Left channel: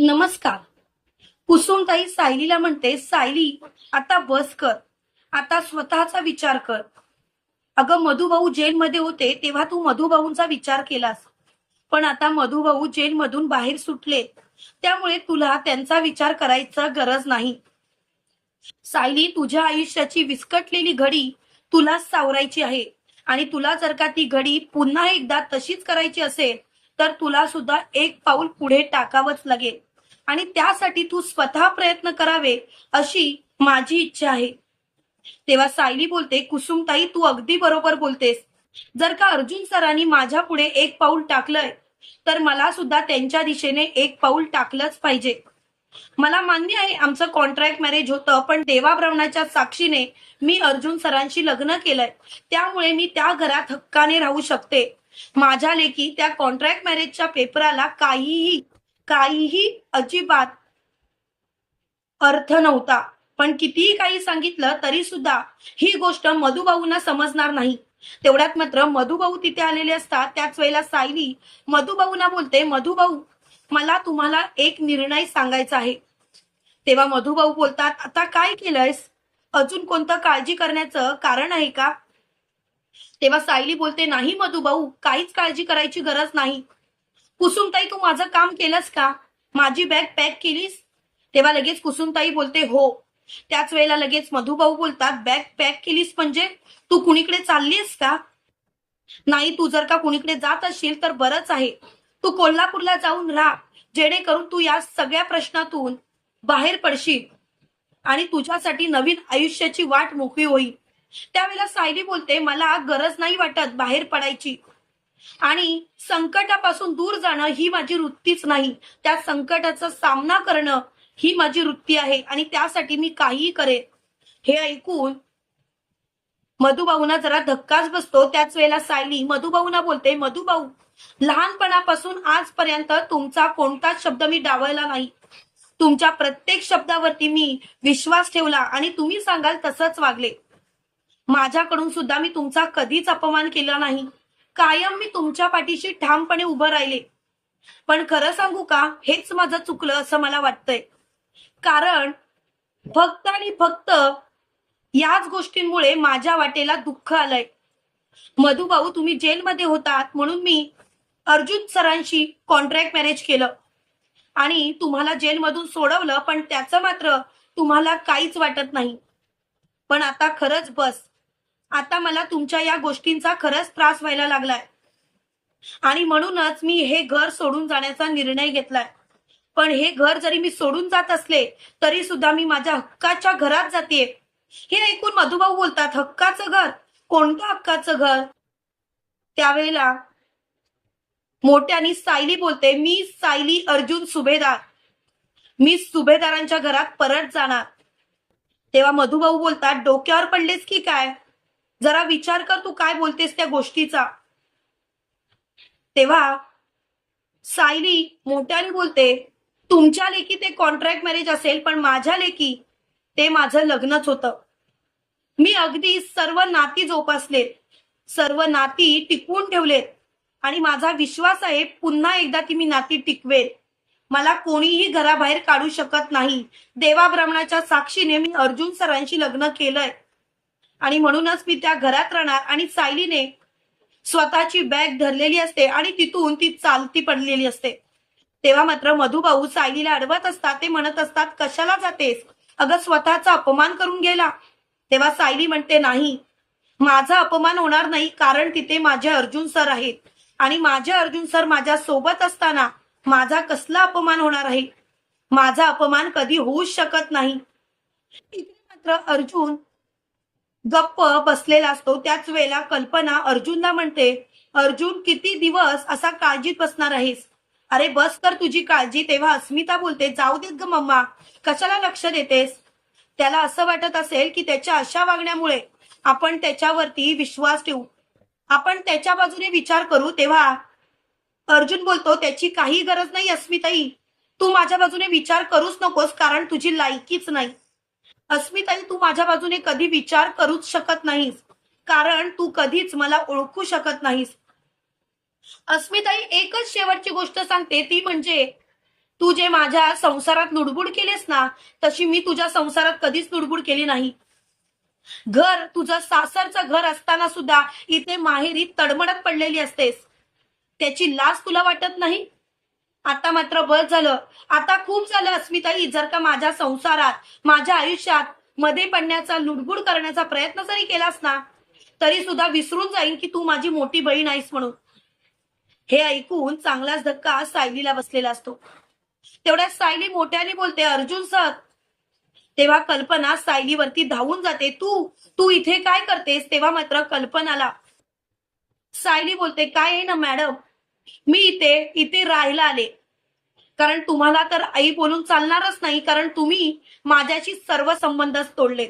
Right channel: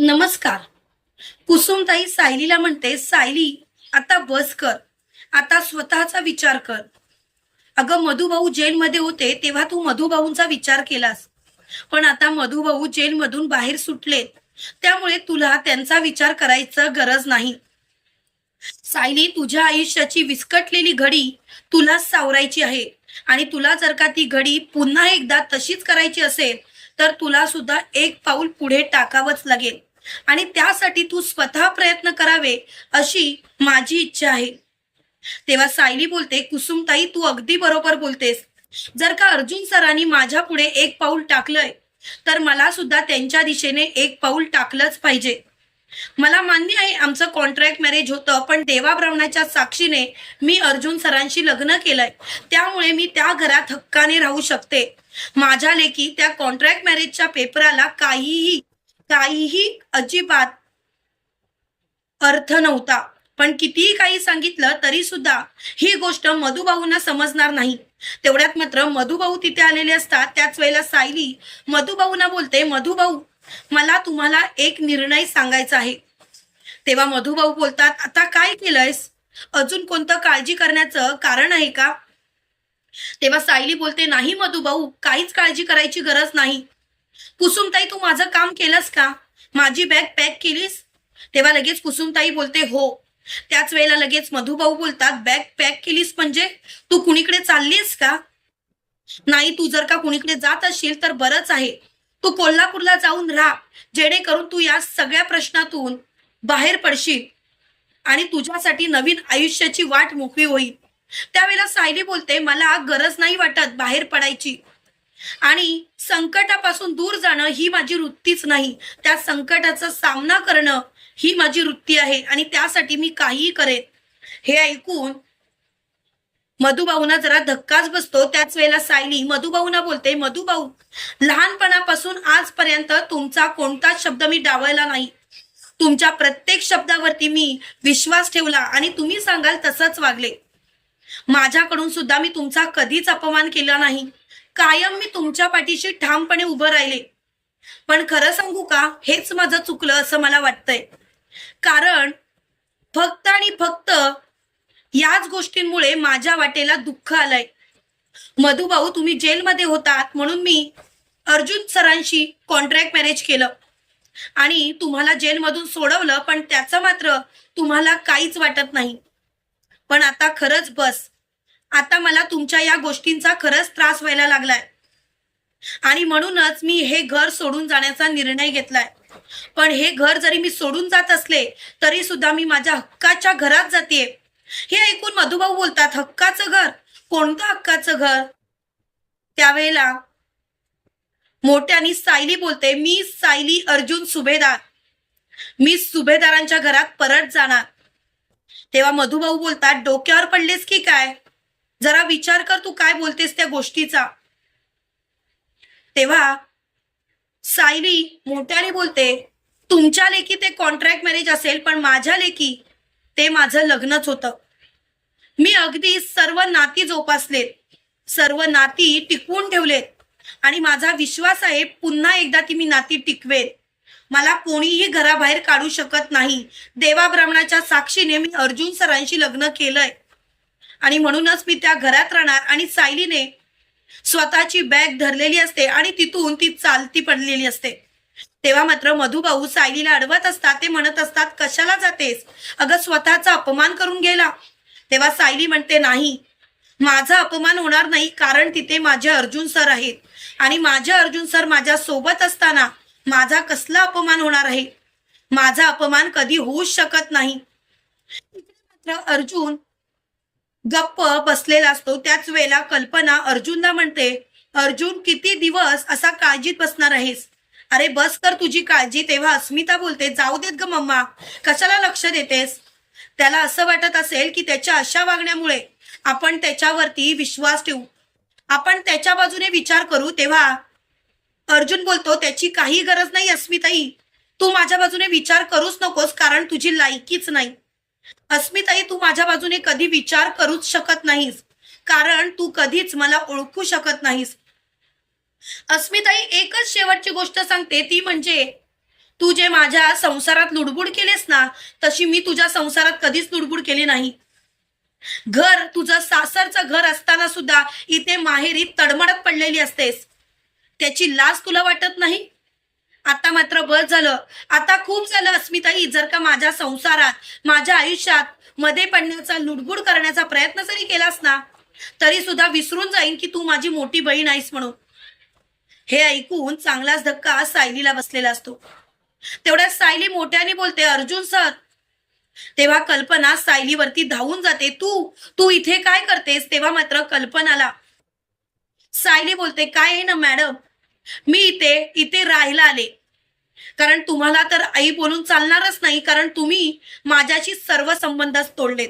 नमस्कार. कुसुमताई सायलीला म्हणते सायली आता बस कर. आता स्वतःचा विचार कर. अगं मधुभाऊ जेलमध्ये होते तेव्हा तू मधुभाऊंचा विचार केलास. पण आता मधुभाऊ जेलमधून बाहेर सुटलेत. त्यामुळे तुला त्यांचा विचार करायचा गरज नाही. सायली तुझ्या आयुष्याची विस्कटलेली घडी तुला सावरायची आहे. आणि तुला जर का ती घडी पुन्हा एकदा तशीच करायची असेल तर तुला सुद्धा एक पाऊल पुढे टाकावंच लागेल. आणि त्यासाठी तू स्वतः प्रयत्न करावे अशी माझी इच्छा आहे. तेव्हा सायली बोलते कुसुमताई तू अगदी बरोबर बोलतेस. जर का अर्जुन सरांनी माझ्या पुढे एक पाऊल टाकलंय तर मला सुद्धा त्यांच्या दिशेने एक पाऊल टाकलंच पाहिजे. मला मान्य आहे आमचं कॉन्ट्रॅक्ट मॅरेज होतं पण देवा साक्षीने मी अर्जुन सरांशी लग्न केलंय. त्यामुळे मी त्या घरात हक्काने राहू शकते. माझ्या लेखी त्या कॉन्ट्रॅक्ट मॅरेजच्या पेपराला काहीही काहीही अजिबात अर्थ नव्हता. पण कितीही काही सांगितलं तरी सुद्धा ही गोष्ट मधुभाऊंना समजणार नाही. तेवढ्यात मात्र मधुभाऊ तिथे आलेले असतात. त्याच वेळेला सायली मधुभाऊना बोलते मधुभाऊ मला तुम्हाला एक निर्णय सांगायचा आहे. तेव्हा मधुभाऊ बोलतात आता काय केलंयस? अजून कोणतं काळजी करण्याचं कारण आहे का? तेव्हा सायली बोलते नाही मधुभाऊ काहीच काळजी करायची गरज नाही. कुसुमताई तू माझं काम केलंस का? माझी बॅग पॅक केलीस? तेव्हा लगेच कुसुमताई बोलते हो. त्याच वेळेला लगेच मधुभाऊ बोलतात बॅग पॅक केलीस म्हणजे? तू कुणीकडे चाललीस का? नाही तू जर का कुणीकडे जात असशील तर बरंच आहे. तू कोल्हापूरला जाऊन राहा. जेणेकरून तू या सगळ्या प्रश्नातून बाहेर पडशील आणि तुझ्यासाठी नवीन आयुष्याची वाट मोकळी होईल. त्यावेळेला सायली बोलते मला गरज नाही वाटत बाहेर पडायची. आणि संकटापासून दूर जाणं ही माझी वृत्तीच नाही. त्या संकटाचा सामना करणं ही माझी वृत्ती आहे आणि त्यासाठी मी काहीही करेन. हे ऐकून मधुभाऊना जरा धक्काच बसतो. त्याच वेळेला सायली मधुभाऊना बोलते मधुभाऊ लहानपणापासून आजपर्यंत तुमचा कोणताच शब्द मी डावळला नाही. तुमच्या प्रत्येक शब्दावरती मी विश्वास ठेवला आणि तुम्ही सांगाल तसंच वागले. माझ्याकडून सुद्धा मी तुमचा कधीच अपमान केला नाही. कायम मी तुमच्या पाठीशी ठामपणे उभं राहिले. पण खरं सांगू का हेच माझं चुकलं असं मला वाटतंय. कारण फक्त आणि फक्त याच गोष्टींमुळे माझ्या वाटेला दुःख आलंय. मधुभाऊ तुम्ही जेलमध्ये होतात म्हणून मी अर्जुन सरांशी कॉन्ट्रॅक्ट मॅरेज केलं. आणि तुम्हाला जेलमधून सोडवलं पण त्याचं मात्र तुम्हाला काहीच वाटत नाही. पण आता खरंच बस. आता मला तुमच्या या गोष्टींचा खरंच त्रास व्हायला लागलाय. आणि म्हणूनच मी हे घर सोडून जाण्याचा निर्णय घेतलाय. पण हे घर जरी मी सोडून जात असले तरी सुद्धा मी माझ्या हक्काच्या घरात जाते हे ऐकून मधुभाऊ बोलतात हक्काचं घर? कोणतं हक्काचं घर? त्यावेळेला मोठ्यानी सायली बोलते मी सायली अर्जुन सुभेदार. मी सुभेदारांच्या घरात परत जाणार. तेव्हा मधुभाऊ बोलतात डोक्यावर पडलेस की काय? जरा विचार कर तू काय बोलतेस त्या गोष्टीचा. तेव्हा सायली मोठ्याने बोलते तुमच्या लेकी ते कॉन्ट्रॅक्ट मॅरेज असेल पण माझ्या लेकी ते माझं लग्नच होतं. मी अगदी सर्व नाती जोपासलेत सर्व नाती टिकवून ठेवलेत आणि माझा विश्वास आहे पुन्हा एकदा ती मी नाती टिकवेन. मला कोणीही घराबाहेर काढू शकत नाही. देवा ब्राह्मणाच्या साक्षीने मी अर्जुन सरांशी लग्न केलंय. आणि म्हणूनच मी त्या घरात राहणार आणि सायलीने स्वतःची बॅग धरलेली असते आणि तिथून ती चालती पडलेली असते. तेव्हा मात्र मधुभाऊ सायलीला अडवत असतात ते म्हणत असतात कशाला जातेस? अगं स्वतःचा अपमान करून गेला. तेव्हा सायली म्हणते नाही माझा अपमान होणार नाही कारण तिथे माझे अर्जुन सर आहेत आणि माझे अर्जुन सर माझ्या सोबत असताना माझा कसला अपमान होणार आहे? माझा अपमान कधी होऊच शकत नाही. मात्र अर्जुन गप्प बसलेला असतो. त्याच वेळेला कल्पना अर्जुनला म्हणते अर्जुन किती दिवस असा काळजीत बसणार आहेस? अरे बस कर तुझी काळजी. तेव्हा अस्मिता बोलते जाऊ देत ग मम्मा. कशाला लक्ष देतेस? त्याला असं वाटत असेल की त्याच्या अशा वागण्यामुळे आपण त्याच्यावरती विश्वास ठेवू. आपण त्याच्या बाजूने विचार करू. तेव्हा अर्जुन बोलतो त्याची काही गरज नाही अस्मिताई. तू माझ्या बाजूने विचार करूच नकोस कारण तुझी लायकीच नाही. अस्मिताई तू माझ्या बाजूने कधी विचार करूच शकत नाहीस. कारण तू कधीच मला ओळखू शकत नाहीस. अस्मिताई एकच शेवटची गोष्ट सांगते. ती म्हणजे तू जे माझ्या संसारात लुडबुड केलेस ना तशी मी तुझ्या संसारात कधीच लुडबुड केली नाही. घर तुझं सासरचं घर असताना सुद्धा इथे माहेरी तडमडत पडलेली असतेस. त्याची लाज तुला वाटत नाही? आता मात्र बस झालं. आता खूप झालं अस्मिताई जर का माझ्या संसारात माझ्या आयुष्यात मध्ये पडण्याचा लुडबुड करण्याचा प्रयत्न जरी केलास ना तरी सुद्धा विसरून जाईन की तू माझी मोठी बहीण आहेस म्हणून. हे ऐकून चांगलाच धक्का सायलीला बसलेला असतो. तेवढ्या सायली मोठ्याने बोलते अर्जुन सर. तेव्हा कल्पना सायलीवरती धावून जाते तू तू इथे काय करतेस? तेव्हा मात्र कल्पनाला सायली बोलते काय आहे ना मॅडम? मी इथे इथे राहायला आले. कारण तुम्हाला तर आई बोलून चालणारच नाही कारण तुम्ही माझ्याशी सर्व संबंधच तोडलेत.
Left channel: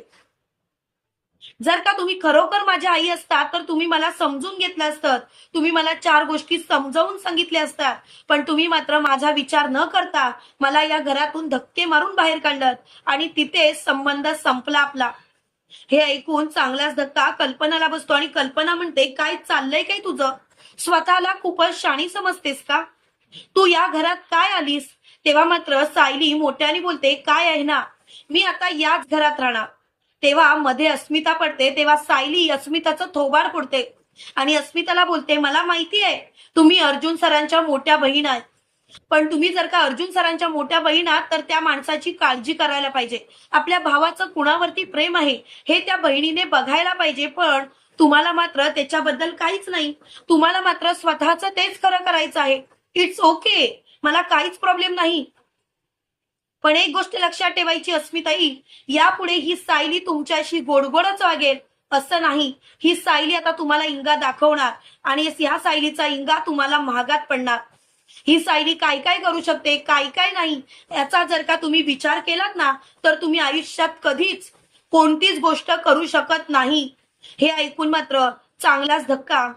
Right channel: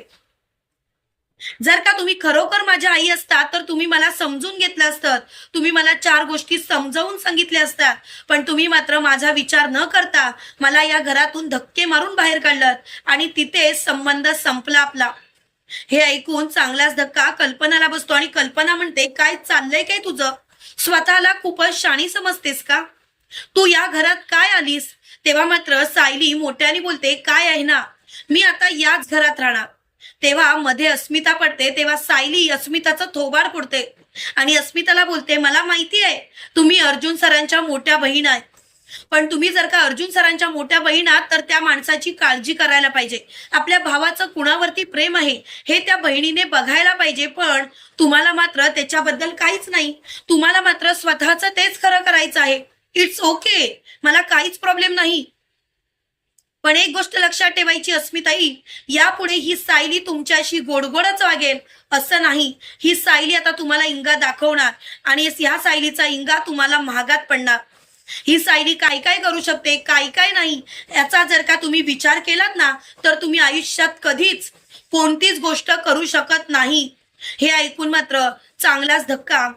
जर का तुम्ही खरोखर माझ्या आई असतात तर तुम्ही मला समजून घेतलं असतं. तुम्ही मला चार गोष्टी समजावून सांगितल्या असतात. पण तुम्ही मात्र माझा विचार न करता मला या घरातून धक्के मारून बाहेर काढलं आणि तिथे संबंध संपला आपला. हे ऐकून चांगलाच धक्का कल्पनाला बसतो आणि कल्पना म्हणते काय चाललंय काय तुझं? स्वतःला खूपच शाणी समजतेस का? तू या घरात काय आलीस? तेव्हा मात्र सायली मोठ्याने बोलते काय आहे ना? मी आता याच घरात राहणार. तेव्हा मध्ये अस्मिता पडते तेव्हा सायली अस्मिताचं थोबाड फोडते आणि अस्मिताला बोलते मला माहिती आहे तुम्ही अर्जुन सरांच्या मोठ्या बहीण आहे. पण तुम्ही जर का अर्जुन सरांच्या मोठ्या बहीण आहात तर त्या माणसाची काळजी करायला पाहिजे. आपल्या भावाचं कुणावरती प्रेम आहे हे त्या बहिणीने बघायला पाहिजे पण तुम्हाला मात्र त्याच्याबद्दल काहीच नाही. तुम्हाला मात्र स्वतःचं तेच खरं करायचं आहे. इट्स ओके मला काहीच प्रॉब्लेम नाही. पण एक गोष्ट लक्षात ठेवायची अस्मिताई यापुढे ही सायली तुमच्याशी गोडगोडच वागेल असं नाही. ही सायली आता तुम्हाला इंगा दाखवणार आणि ह्या सायलीचा इंगा तुम्हाला महागात पडणार. ही सायली काय काय करू शकते? काय काय नाही? याचा जर का तुम्ही विचार केलात ना तर तुम्ही आयुष्यात कधीच कोणतीच गोष्ट करू शकत नाही. हे ऐकून मात्र चांगलाच धक्का.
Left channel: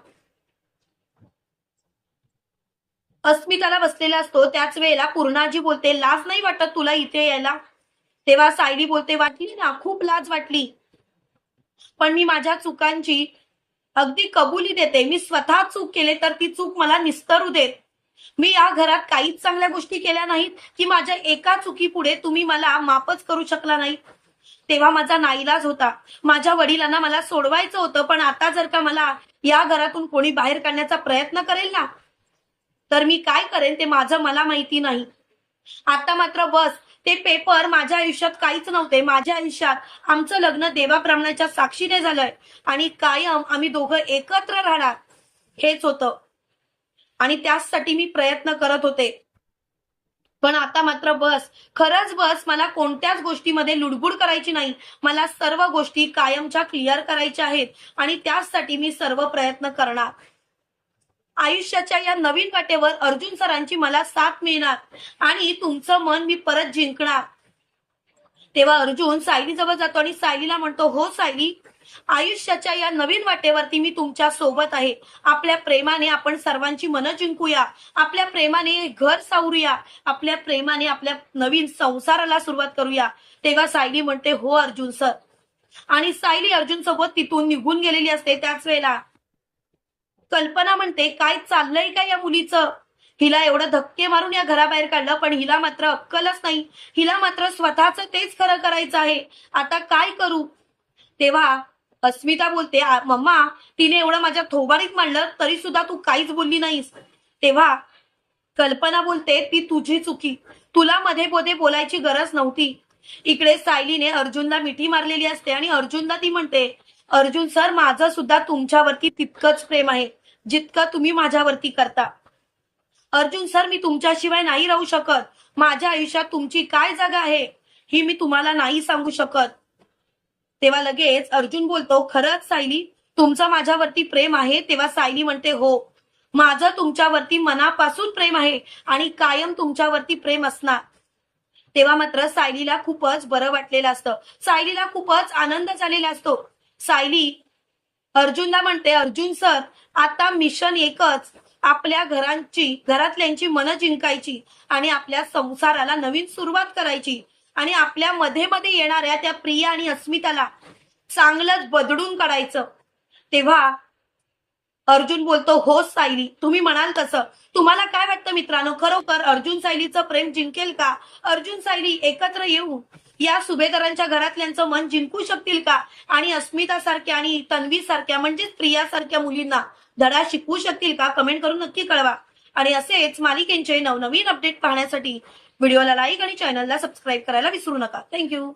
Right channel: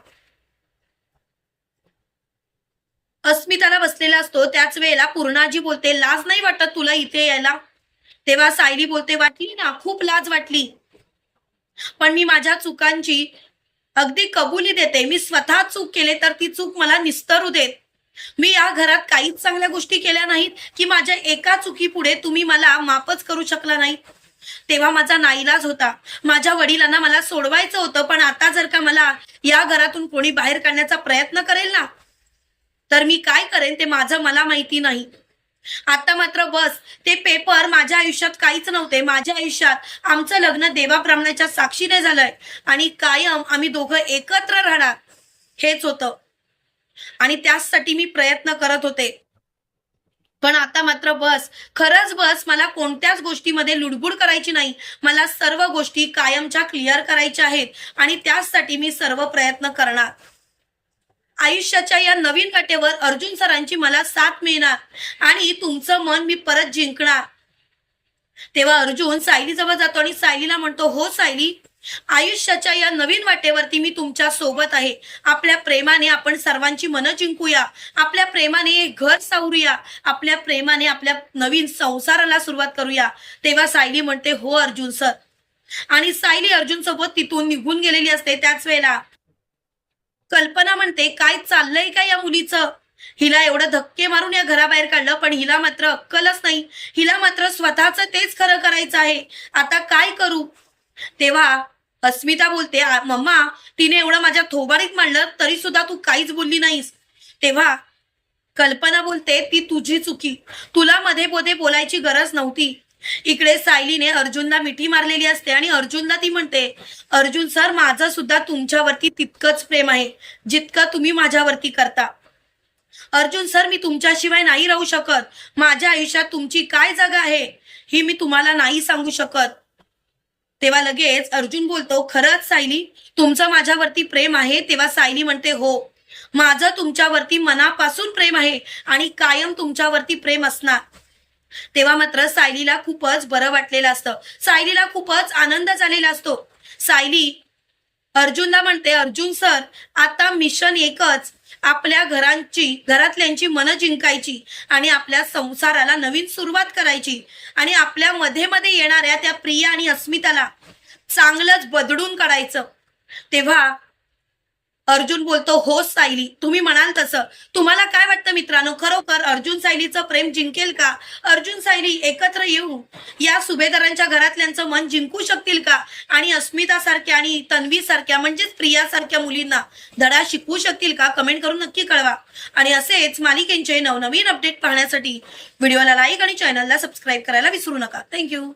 अस्मिताला बसलेला असतो. त्याच वेळेला पूर्णाजी बोलते लाज नाही वाटत तुला इथे यायला? तेव्हा सायली बोलते वाटली ना खूप लाज वाटली. पण मी माझ्या चुकांची अगदी कबुली देते. मी स्वतः चूक केले तर ती चूक मला निस्तरू देत. मी या घरात काहीच चांगल्या गोष्टी केल्या नाहीत की माझ्या एका चुकीपुढे तुम्ही मला मापच करू शकला नाही. तेव्हा माझा नाईलाज होता. माझ्या वडिलांना मला सोडवायचं होतं पण आता जर का मला या घरातून कोणी बाहेर काढण्याचा प्रयत्न करेल ना तर मी काय करेन ते माझं मला माहिती नाही. आता मात्र बस ते पेपर माझ्या आयुष्यात काहीच नव्हते. माझ्या आयुष्यात आमचं लग्न देवाब्राह्मणाच्या साक्षीने झालंय आणि कायम आम्ही दोघं एकत्र राहणार हेच होतं. आणि त्याचसाठी मी प्रयत्न करत होते. पण आता मात्र बस. खरंच बस मला कोणत्याच गोष्टीमध्ये लुडबुड करायची नाही. मला सर्व गोष्टी कायमच्या क्लिअर करायच्या आहेत आणि त्याचसाठी मी सर्व प्रयत्न करणार. आयुष्याच्या या नवीन वाटेवर अर्जुन सरांची मला साथ मिळणार आणि तुमचं मन मी परत जिंकणार. तेव्हा अर्जुन सायली जवळ जातो आणि सायलीला म्हणतो हो सायली आयुष्याच्या या नवीन वाटेवरती मी तुमच्यासोबत आहे. आपल्या प्रेमाने आपण सर्वांची मनं जिंकूया. आपल्या प्रेमाने घर सावरूया. आपल्या प्रेमाने आपल्या नवीन संसाराला सुरुवात करूया. तेव्हा सायली म्हणते हो अर्जुन सर. आणि सायली अर्जुन सोबत तिथून निघून गेलेली असते त्याच वेळेला. कल्पना म्हणते काय चाललंय का या मुलीचं? हिला एवढं धक्के मारून या घराबाहेर काढलं पण हिला मात्र अक्कलच नाही. हिला मात्र स्वतःच तेच खरं करायचं आहे. आता काय करू? तेव्हा अस्मिता बोलते मम्मा तिने एवढं माझ्या थोबारीत मांडलं तरी सुद्धा तू काहीच बोलली नाहीस. तेव्हा कल्पना बोलते ती तुझी चुकी. तुला मध्ये मध्ये बोलायची गरज नव्हती. इकडे सायलीने अर्जुनला मिठी मारलेली असते आणि अर्जुनला ती म्हणते अर्जुन सर माझं सुद्धा तुमच्यावरती तितकंच प्रेम आहे जितकं तुम्ही माझ्यावरती करता. अर्जुन सर मी तुमच्याशिवाय नाही राहू शकत. माझ्या आयुष्यात तुमची काय जागा आहे ही मी तुम्हाला नाही सांगू शकत. तेव्हा लगेच अर्जुन बोलतो खरंच सायली तुमचं माझ्यावरती प्रेम आहे. तेव्हा सायली म्हणते हो माझं तुमच्यावरती मनापासून प्रेम आहे आणि कायम तुमच्यावरती प्रेम असणार. तेव्हा मात्र सायलीला खूपच बरं वाटलेलं असतं. सायलीला खूपच आनंद झालेला असतो. सायली अर्जुनला म्हणते अर्जुन सर आता मिशन एकच आपल्या घरांची घरातल्यांची मनं जिंकायची आणि आपल्या संसाराला नवीन सुरुवात करायची. आणि आपल्या मध्ये मध्ये येणाऱ्या त्या प्रिया आणि अस्मिताला चांगलंच बदडून काढायचं. तेव्हा अर्जुन बोलतो हो सायली तुम्ही म्हणाल तसं. तुम्हाला काय वाटतं मित्रांनो? खरोखर अर्जुन सायलीचं प्रेम जिंकेल का? अर्जुन सायली एकत्र येऊन या सुभेदारांच्या घरातल्यांचं मन जिंकू शकतील का? आणि अस्मिता सारख्या आणि तन्वी सारख्या म्हणजेच प्रिया सारख्या मुलींना धडा शिकवू शकतील का? कमेंट करून नक्की कळवा. आणि असेच मालिकेंचे नवनवीन अपडेट पाहण्यासाठी व्हिडिओला लाईक आणि चॅनलला सबस्क्राईब करायला विसरू नका. थँक्यू